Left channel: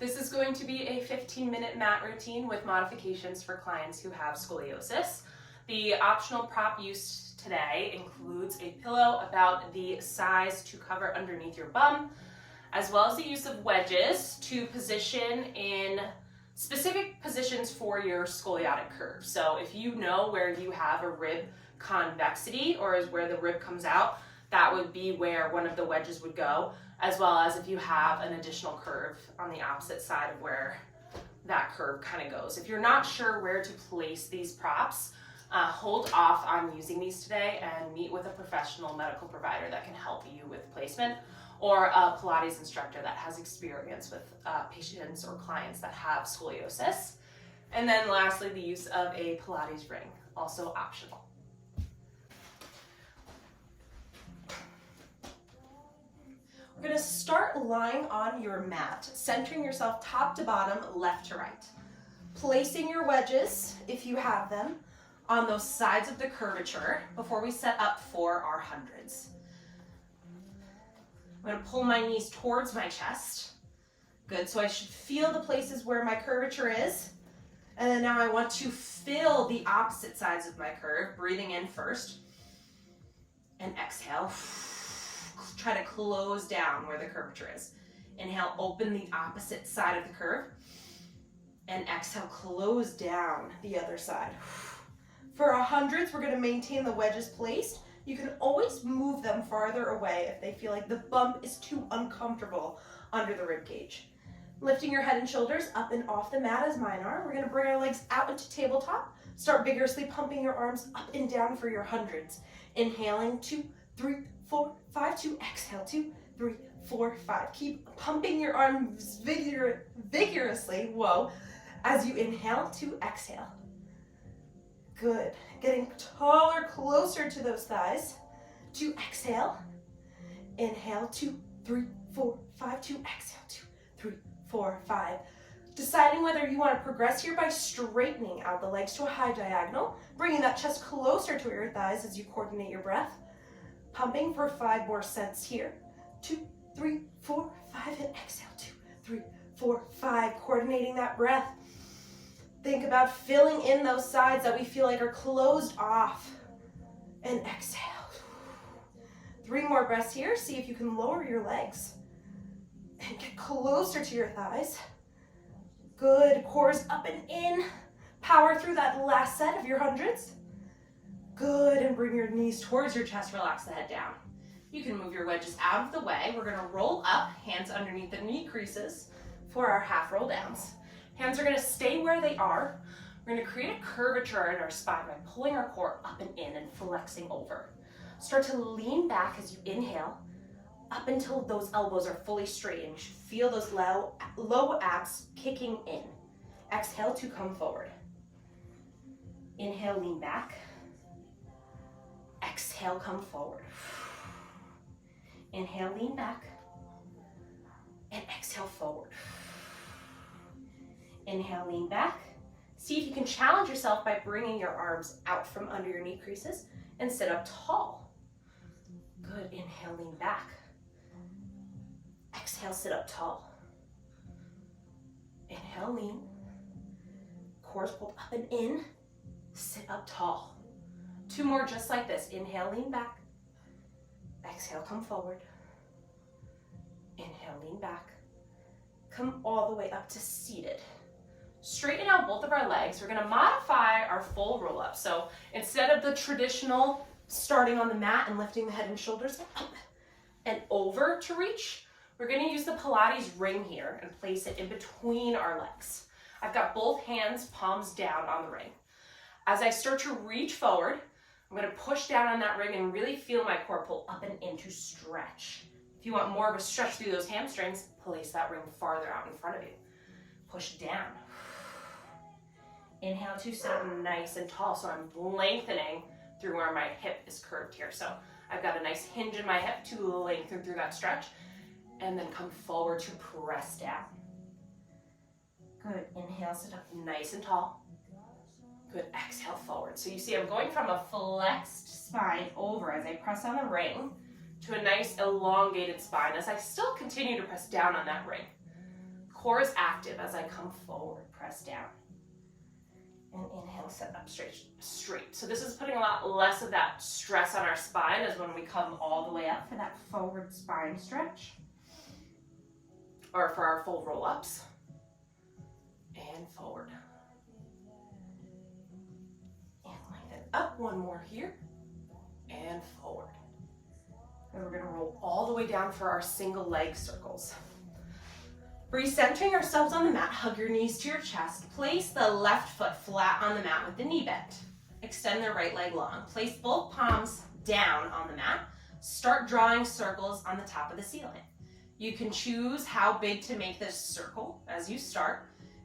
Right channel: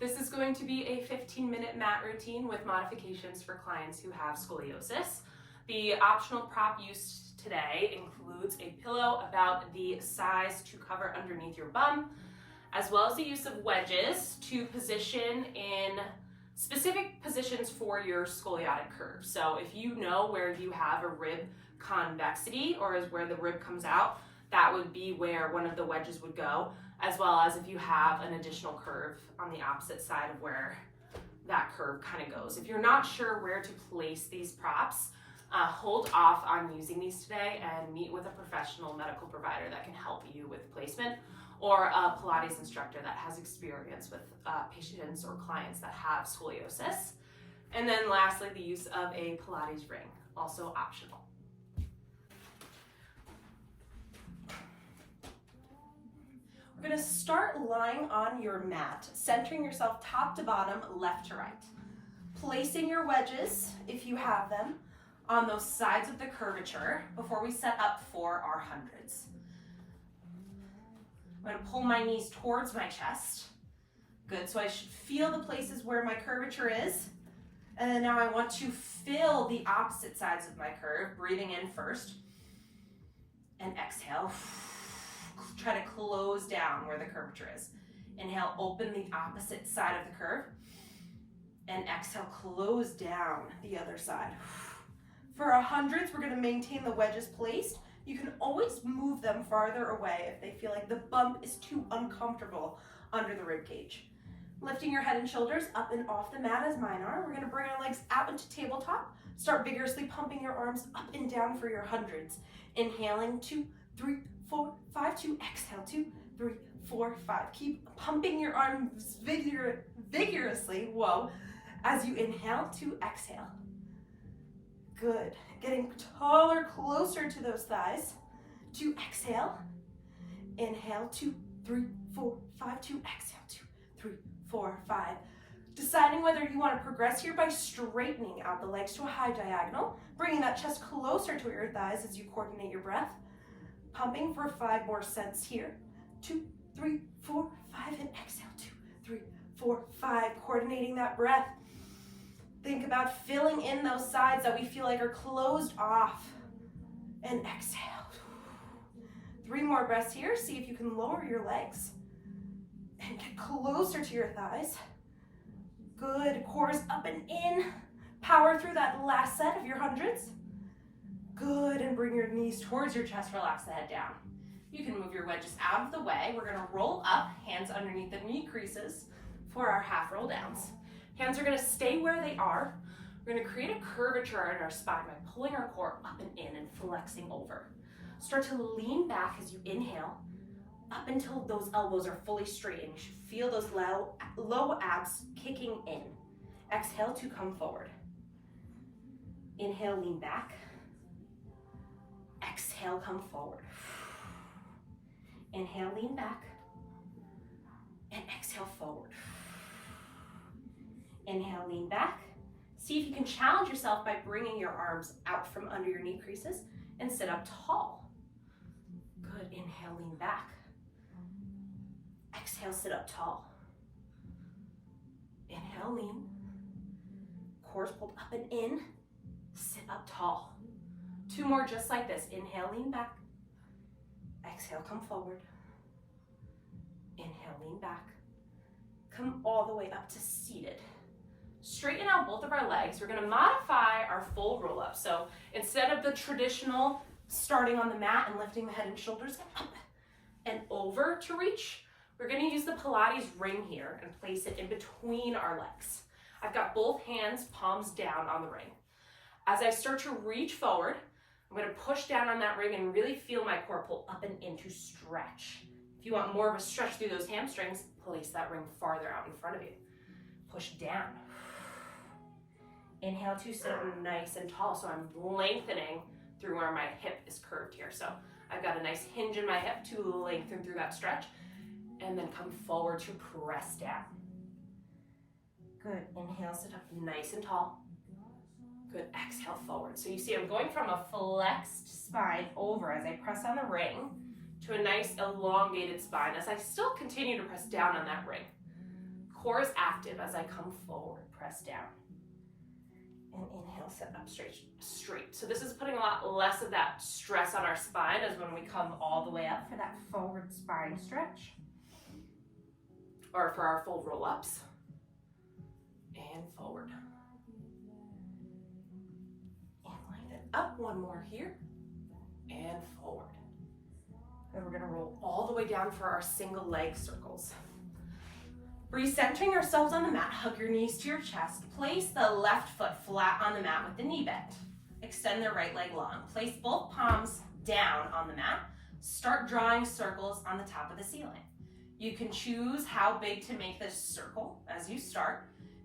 This is going to be a 15-minute mat routine with modifications for clients who have scoliosis. The optional prop used today includes a pillow about the size to cover underneath your bum, as well as the use of wedges to position in specific positions for your scoliotic curve. So if you know where you have a rib convexity, or is where the rib comes out, that would be where one of the wedges would go, as well as if you have an additional curve on the opposite side of where that curve kind of goes. If you're not sure where to place these props, hold off on using these today and meet with a professional medical provider that can help you with placement, or a Pilates instructor that has experience with patients or clients that have scoliosis. And then lastly, the use of a Pilates ring, also optional. We're going to start lying on your mat, centering yourself top to bottom, left to right. Placing your wedges, if you have them, on those sides of the curvature before we set up for our hundreds. I'm going to pull my knees towards my chest. Good, so I should feel the places where my curvature is. And then now I want to fill the opposite sides of my curve, breathing in first. And exhale. Try to close down where the curvature is. Inhale, open the opposite side of the curve. And exhale, close down the other side. For our hundreds, we're going to maintain the wedges placed. You can always move them farther away if they feel like the bump is too uncomfortable under the rib cage. Lifting your head and shoulders up and off the mat as mine are. We're going to bring our legs out into tabletop. Start vigorously pumping your arms up and down for your hundreds. Inhaling, 2, 3, 4, 5, 2, exhale, 2, 3, 4, 5. Keep pumping your arms vigorously, as you inhale to exhale. Good. Getting taller, closer to those thighs. To exhale. Inhale, 2, 3, 4, 5, 2, exhale, 2, 3, 4, 5. Deciding whether you want to progress here by straightening out the legs to a high diagonal, bringing that chest closer to your thighs as you coordinate your breath. Pumping for 5 more sets here. 2, 3, 4, 5, and exhale. 2, 3, 4, 5. Coordinating that breath. Think about filling in those sides that we feel like are closed off. And exhale. 3 more breaths here. See if you can lower your legs. And get closer to your thighs. Good. Cores up and in. Power through that last set of your hundreds. Good. And bring your knees towards your chest. Relax the head down. You can move your wedges out of the way. We're going to roll up, hands underneath the knee creases for our half roll downs. Hands are going to stay where they are. We're going to create a curvature in our spine by pulling our core up and in and flexing over. Start to lean back as you inhale, up until those elbows are fully straightened. You should feel those low abs kicking in. Exhale to come forward. Inhale, lean back. Exhale, come forward. Inhale, lean back. And exhale, forward. Inhale, lean back. See if you can challenge yourself by bringing your arms out from under your knee creases and sit up tall. Good. Inhale, lean back. Exhale, sit up tall. Inhale, lean. Core's pulled up and in. Sit up tall. 2 more just like this. Inhale, lean back. Exhale, come forward. Inhale, lean back. Come all the way up to seated. Straighten out both of our legs. We're going to modify our full roll up. So instead of the traditional starting on the mat and lifting the head and shoulders up and over to reach, we're going to use the Pilates ring here and place it in between our legs. I've got both hands, palms down on the ring. As I start to reach forward, I'm going to push down on that ring and really feel my core pull up and in to stretch. If you want more of a stretch through those hamstrings, place that ring farther out in front of you. Push down. Inhale to sit up nice and tall, so I'm lengthening through where my hip is curved here. So I've got a nice hinge in my hip to lengthen through that stretch, and then come forward to press down. Good. Inhale, sit up nice and tall. Good. Exhale, forward. So you see I'm going from a flexed spine over as I press on the ring to a nice elongated spine as I still continue to press down on that ring. core is active as I come forward, press down. And inhale, sit up straight. So this is putting a lot less of that stress on our spine as when we come all the way up for that forward spine stretch. Or for our full roll-ups. And forward. And lengthen up, one more here. And forward. And we're gonna roll all the way down for our single leg circles. Recentering ourselves on the mat, hug your knees to your chest. Place the left foot flat on the mat with the knee bent. Extend the right leg long. Place both palms down on the mat. Start drawing circles on the top of the ceiling. You can choose how big to make this circle as you start.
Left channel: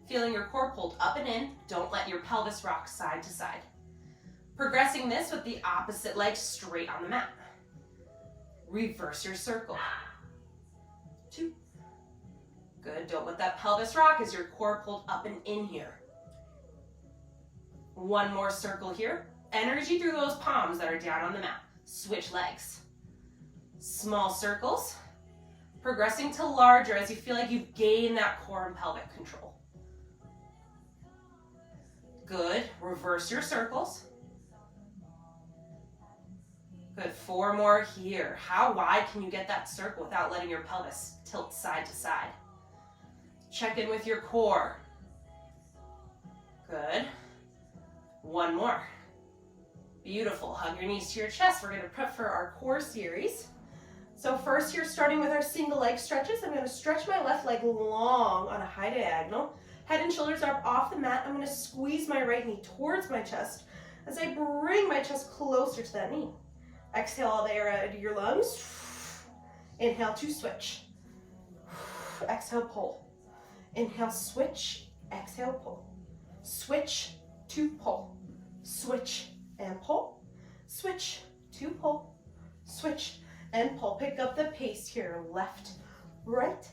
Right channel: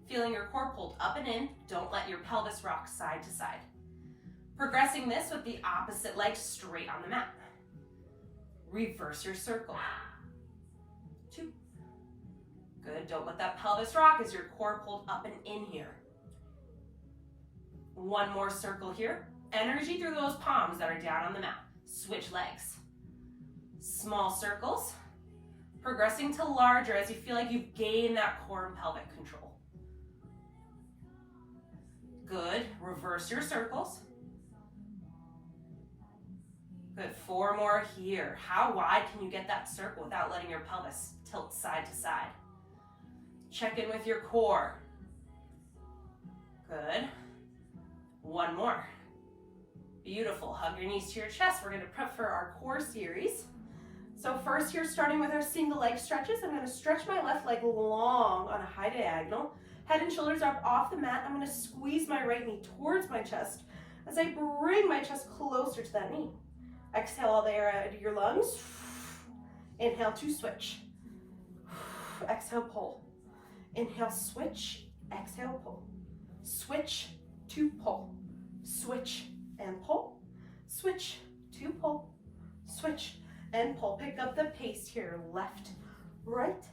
Feeling your core pulled up and in. Don't let your pelvis rock side to side. Progressing this with the opposite leg straight on the mat. Reverse your circle. 2. Good, don't let that pelvis rock as your core pulled up and in here. One more circle here. Energy through those palms that are down on the mat. Switch legs. Small circles. Progressing to larger as you feel like you've gained that core and pelvic control. Good, reverse your circles. Good, 4 more here. How wide can you get that circle without letting your pelvis tilt side to side? Check in with your core. Good. 1 more. Beautiful. Hug your knees to your chest. We're going to prep for our core series. So first here, starting with our single leg stretches, I'm going to stretch my left leg long on a high diagonal. Head and shoulders are off the mat. I'm going to squeeze my right knee towards my chest as I bring my chest closer to that knee. Exhale all the air out of your lungs. Inhale to switch. Exhale, pull. Inhale, switch. Exhale, pull. Switch to pull. Switch and pull. Switch to pull. Switch and pull. Pick up the pace here. Left, right,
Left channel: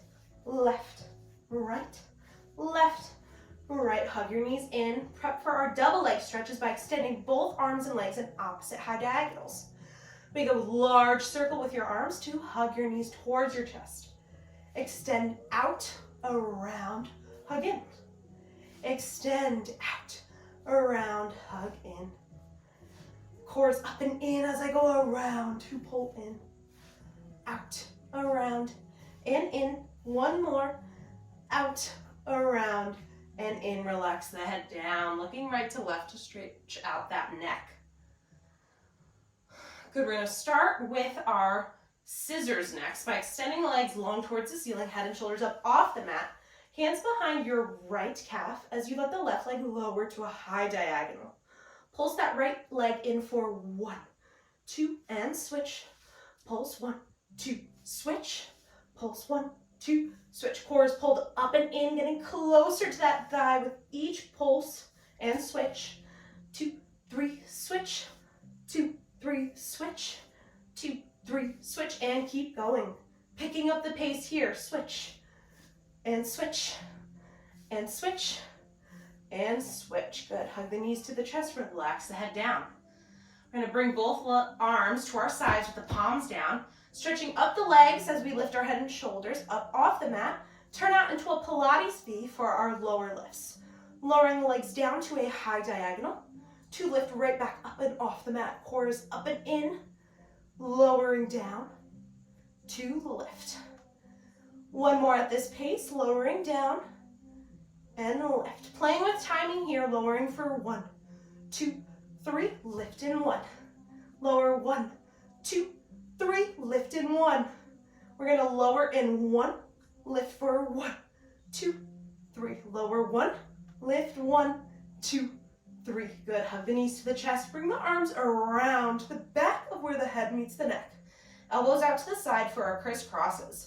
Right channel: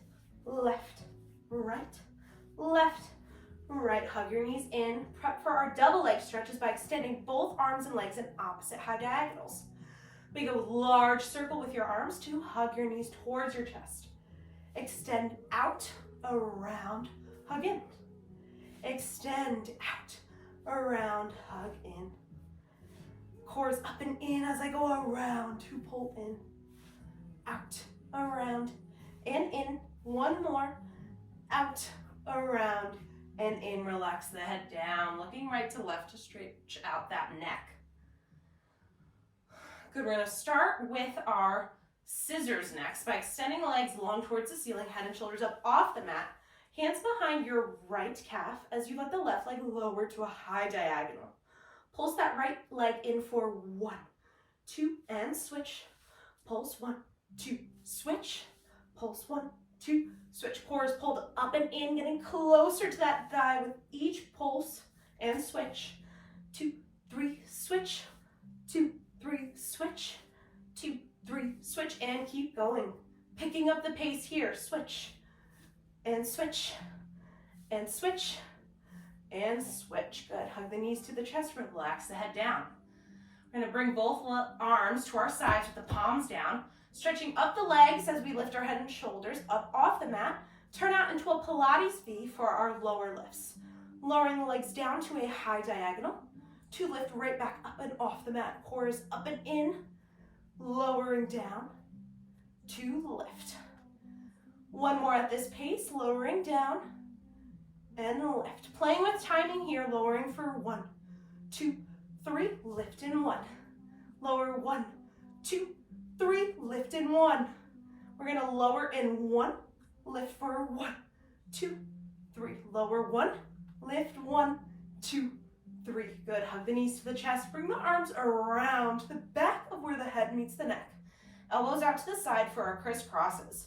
left, right, left, right. Hug your knees in. Prep for our double leg stretches by extending both arms and legs in opposite high diagonals. Make a large circle with your arms to hug your knees towards your chest. Extend out, around, hug in. Extend out, around, hug in. Core's up and in as I go around to pull in. Out, around, and in. 1 more. Out, around, and in. Relax the head down, looking right to left to stretch out that neck. Good, we're going to start with our scissors next by extending the legs long towards the ceiling, head and shoulders up off the mat. Hands behind your right calf as you let the left leg lower to a high diagonal. Pulse that right leg in for 1, 2, and switch. Pulse 1, 2, switch. Pulse 1, 2, switch. Core is pulled up and in, getting closer to that thigh with each pulse and switch. 2, 3, switch. 2, 3, switch. 2, 3, switch, and keep going. Picking up the pace here. Switch, and switch, and switch, and switch. Good. Hug the knees to the chest. Relax the head down. We're going to bring both arms to our sides with the palms down. Stretching up the legs as we lift our head and shoulders up off the mat. Turn out into a Pilates V for our lower lifts. Lowering the legs down to a high diagonal. To lift right back up and off the mat. Core is up and in. Lowering down to lift. 1 more at this pace. Lowering down and lift. Playing with timing here. Lowering for 1, 2, 3. Lift in 1. Lower 1, 2, 3. Lift in 1. We're going to lower in 1. Lift for 1, 2, 3. Lower 1. Lift 1, 2, 3. Good. Hug the knees to the chest. Bring the arms around the back of where the head meets the neck. Elbows out to the side for our crisscrosses.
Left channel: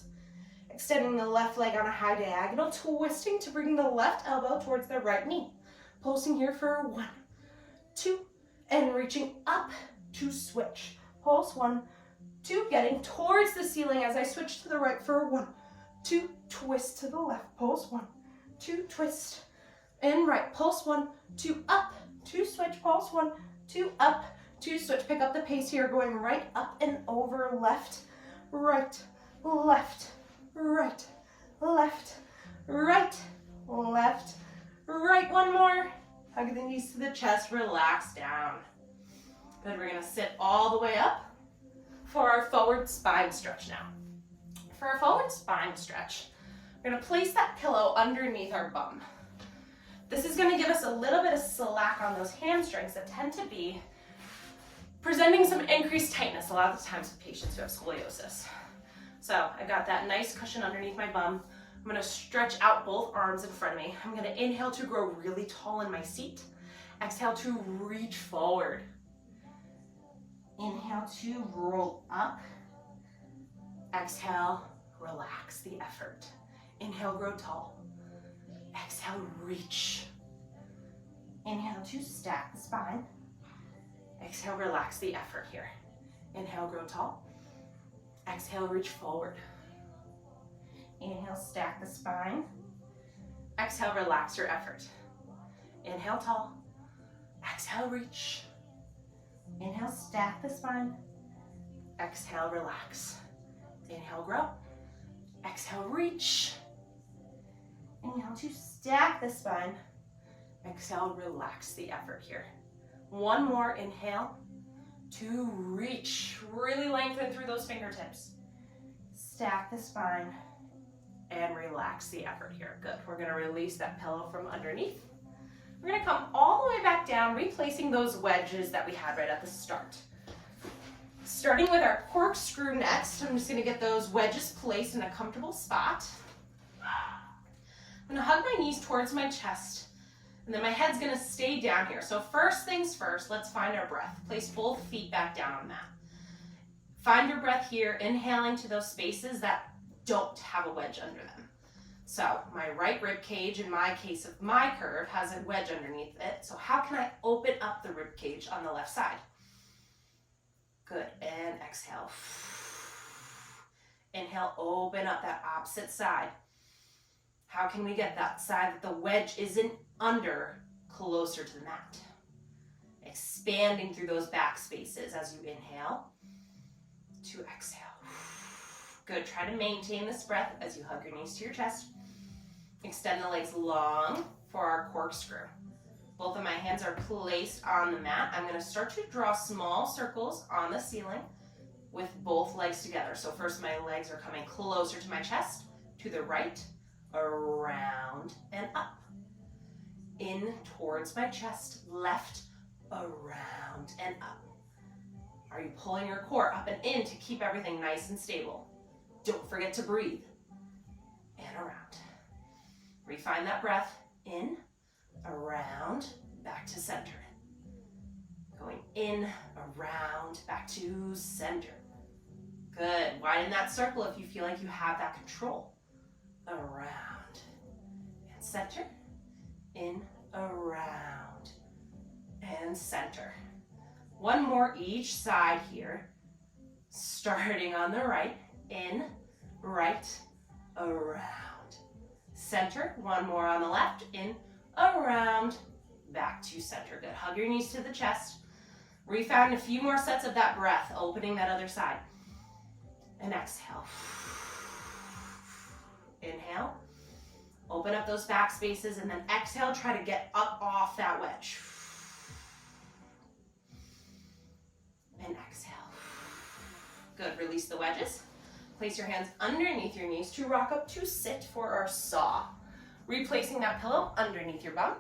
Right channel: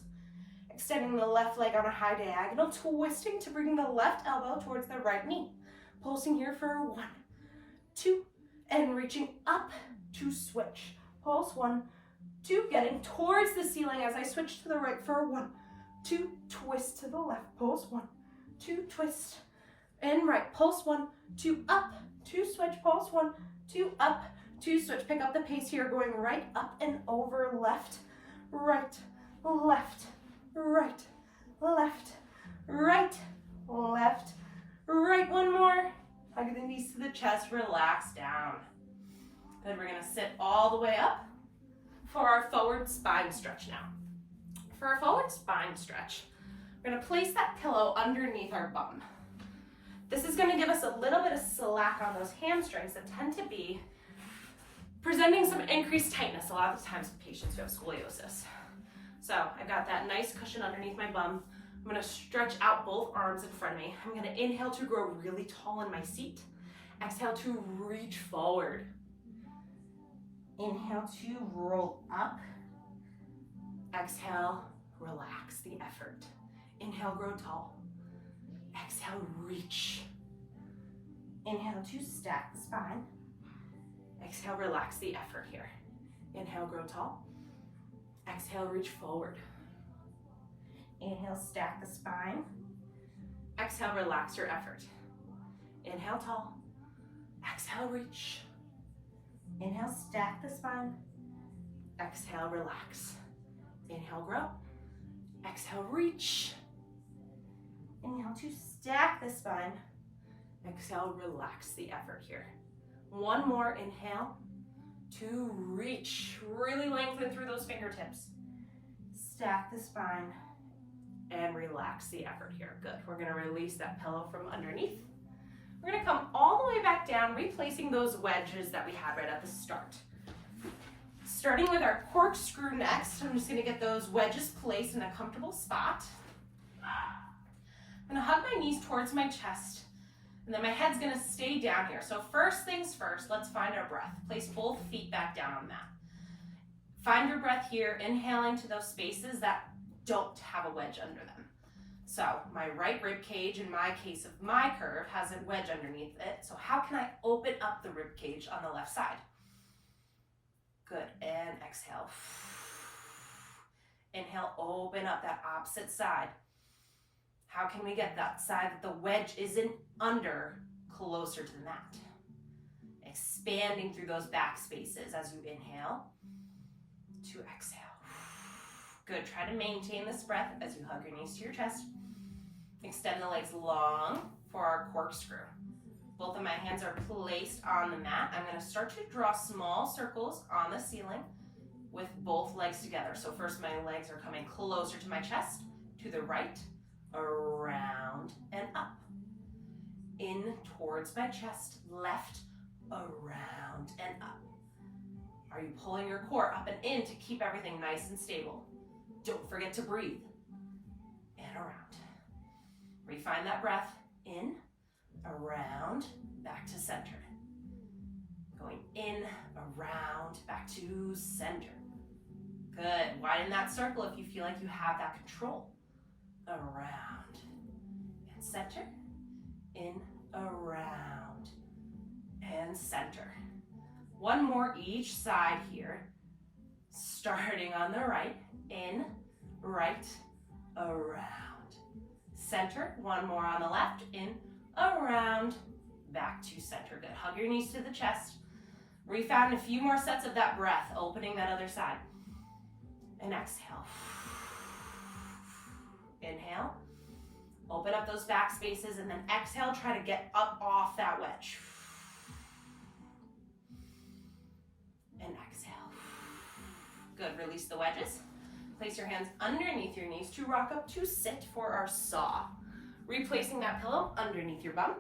Extending the left leg on a high diagonal, twisting to bring the left elbow towards the right knee. Pulsing here for 1, 2, and reaching up to switch. Pulse 1, 2, getting towards the ceiling as I switch to the right for 1, 2, twist to the left. Pulse 1, 2, twist, and right. Pulse 1, 2, up, 2, switch. Pulse 1, 2, up, 2, switch. Pick up the pace here, going right up and over, left, right, left, right, left, right, left, right. One more. Hug the knees to the chest, relax down. Good, we're gonna sit all the way up for our forward spine stretch now. For our forward spine stretch, we're gonna place that pillow underneath our bum. This is gonna give us a little bit of slack on those hamstrings that tend to be presenting some increased tightness a lot of the times with patients who have scoliosis. So I got that nice cushion underneath my bum. I'm gonna stretch out both arms in front of me. I'm gonna inhale to grow really tall in my seat. Exhale to reach forward. Inhale to roll up. Exhale, relax the effort. Inhale, grow tall. Exhale, reach. Inhale to stack the spine. Exhale, relax the effort here. Inhale, grow tall. Exhale, reach forward. Inhale, stack the spine. Exhale, relax your effort. Inhale, tall. Exhale, reach. Inhale, stack the spine. Exhale, relax. Inhale, grow. Exhale, reach. Inhale to stack the spine. Exhale, relax the effort here. One more, inhale to reach. Really lengthen through those fingertips. Stack the spine and relax the effort here. Good, we're gonna release that pillow from underneath. We're gonna come all the way back down, replacing those wedges that we had right at the start. Starting with our corkscrew next, I'm just gonna get those wedges placed in a comfortable spot. I'm gonna hug my knees towards my chest, and then my head's gonna stay down here. So first things first, let's find our breath. Place both feet back down on the mat. Find your breath here, inhaling to those spaces that don't have a wedge under them. So my right rib cage, in my case of my curve, has a wedge underneath it. So how can I open up the rib cage on the left side? Good, and exhale. Inhale, open up that opposite side. How can we get that side that the wedge isn't under closer to the mat? Expanding through those back spaces as you inhale to exhale. Good, try to maintain this breath as you hug your knees to your chest. Extend the legs long for our corkscrew. Both of my hands are placed on the mat. I'm gonna start to draw small circles on the ceiling with both legs together. So first my legs are coming closer to my chest, to the right, around and up. In towards my chest, left, around and up. Are you pulling your core up and in to keep everything nice and stable? Don't forget to breathe. And around. Refine that breath. In, around, back to center. Going in, around, back to center. Good. Widen that circle if you feel like you have that control. Around and center. In, around, and center. One more each side here. Starting on the right. In, right, around. Center, one more on the left. In, around, back to center. Good, hug your knees to the chest. Refound a few more sets of that breath, opening that other side. And exhale. Inhale, open up those back spaces, and then exhale, try to get up off that wedge. And exhale. Good, release the wedges. Place your hands underneath your knees to rock up to sit for our saw. Replacing that pillow underneath your bum.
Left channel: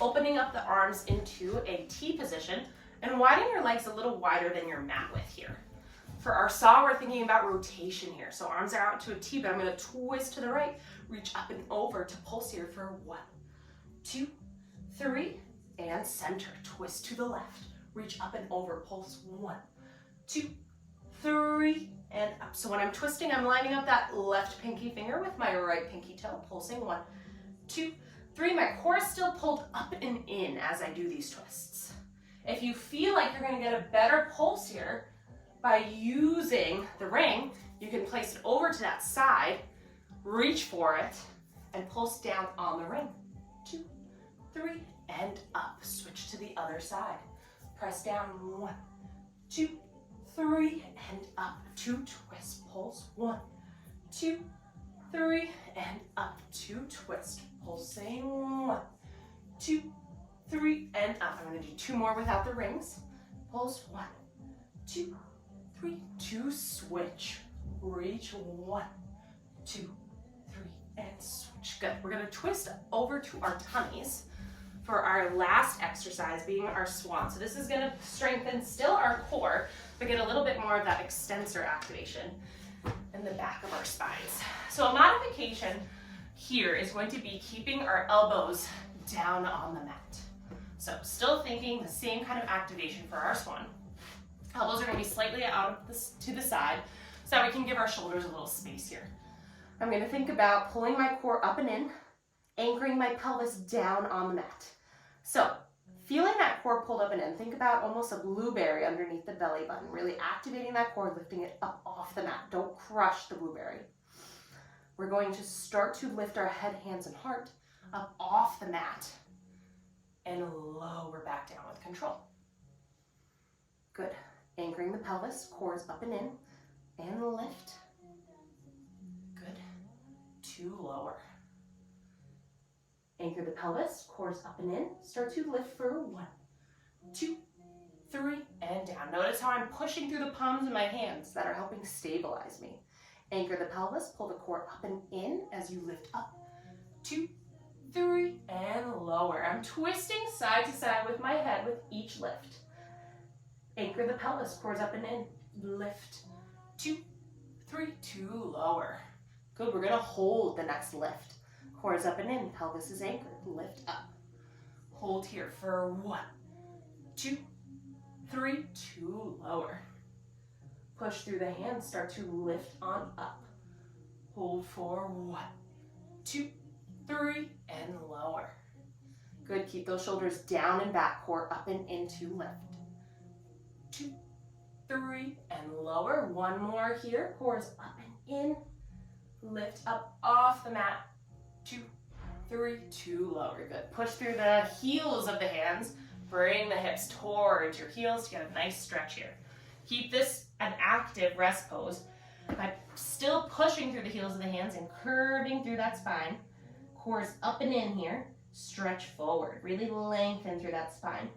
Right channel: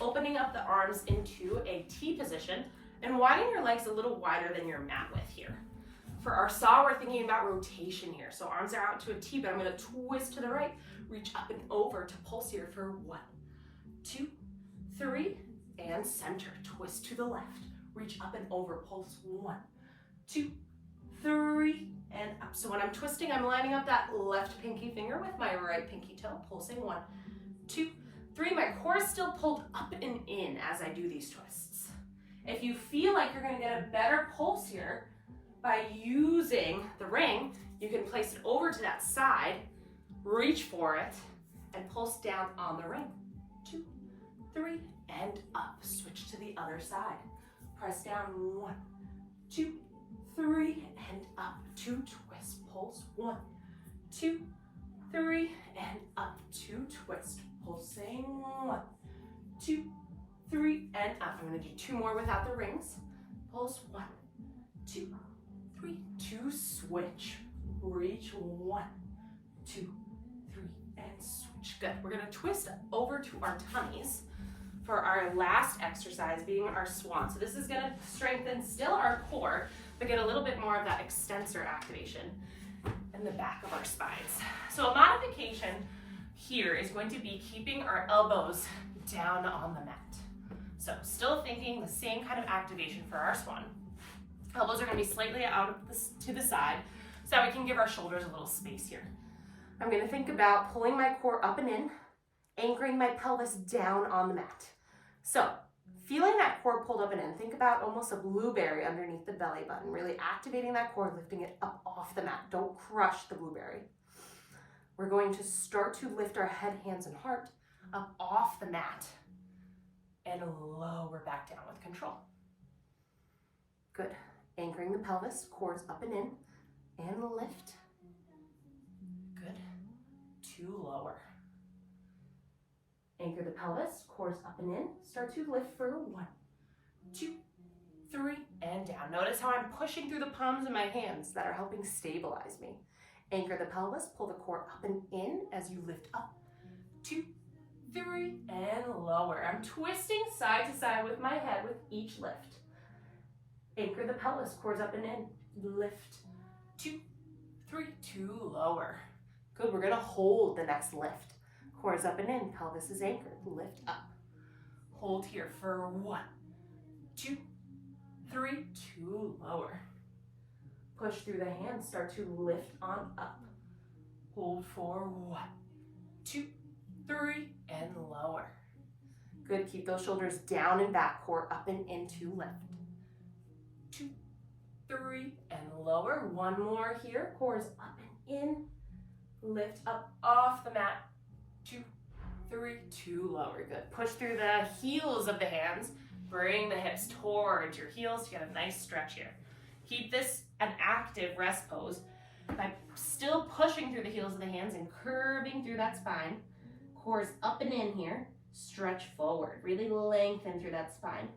Opening up the arms into a T position and widen your legs a little wider than your mat width here. For our saw, we're thinking about rotation here. So arms are out to a T, but I'm gonna twist to the right, reach up and over to pulse here for 1, 2, 3, and center. Twist to the left, reach up and over, pulse 1, 2, 3, and up. So when I'm twisting, I'm lining up that left pinky finger with my right pinky toe, pulsing 1, 2, 3. My core is still pulled up and in as I do these twists. If you feel like you're gonna get a better pulse here by using the ring, you can place it over to that side, reach for it, and pulse down on the ring. 2, 3, and up. Switch to the other side. Press down 1, 2, 3, and up. 2 twists. Pulse 1, 2, 3, and up, 2, twist, pulsing, 1, 2, 3, and up. I'm gonna do 2 more without the rings. Pulse, 1, 2, 3, 2, switch, reach, 1, 2, 3, and switch. Good. We're gonna twist over to our tummies for our last exercise, being our swan. So this is gonna strengthen still our core, but get a little bit more of that extensor activation in the back of our spines. So a modification here is going to be keeping our elbows down on the mat. So still thinking the same kind of activation for our swan. Elbows are gonna be slightly out to the side so that we can give our shoulders a little space here. I'm gonna think about pulling my core up and in, anchoring my pelvis down on the mat. So feeling that core pulled up and in, think about almost a blueberry underneath the belly button, really activating that core, lifting it up off the mat. Don't crush the blueberry. We're going to start to lift our head, hands, and heart up off the mat and lower back down with control. Good. Anchoring the pelvis, cores up and in, and lift. Good. 2, lower. Anchor the pelvis, cores up and in. Start to lift for 1, 2, 3, and down. Notice how I'm pushing through the palms of my hands that are helping stabilize me. Anchor the pelvis, pull the core up and in as you lift up. 2, 3, and lower. I'm twisting side to side with my head with each lift. Anchor the pelvis, cores up and in. Lift. 2, 3, 2, lower. Good, we're gonna hold the next lift. Cores up and in, pelvis is anchored. Lift up. Hold here for 1, 2, 3, 2, lower. Push through the hands, start to lift on up. Hold for 1, 2, 3, and lower. Good, keep those shoulders down and back, core up and into lift. 2, 3, and lower. 1 more here, cores up and in. Lift up off the mat. 2, 3, 2, lower. Good. Push through the heels of the hands. Bring the hips towards your heels to get a nice stretch here. Keep this an active rest pose by still pushing through the heels of the hands and curving through that spine. Cores up and in here. Stretch forward. Really lengthen through that spine.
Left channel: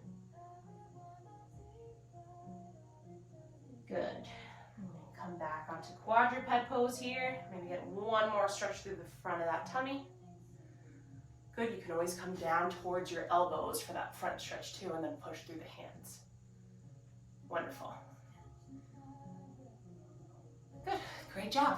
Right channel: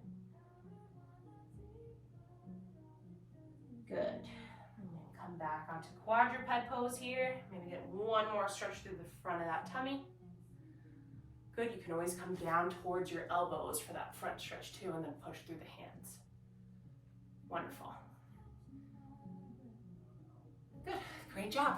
Good. And then come back onto quadruped pose here. Maybe get 1 more stretch through the front of that tummy. Good, you can always come down towards your elbows for that front stretch too, and then push through the hands. Wonderful. Good, great job.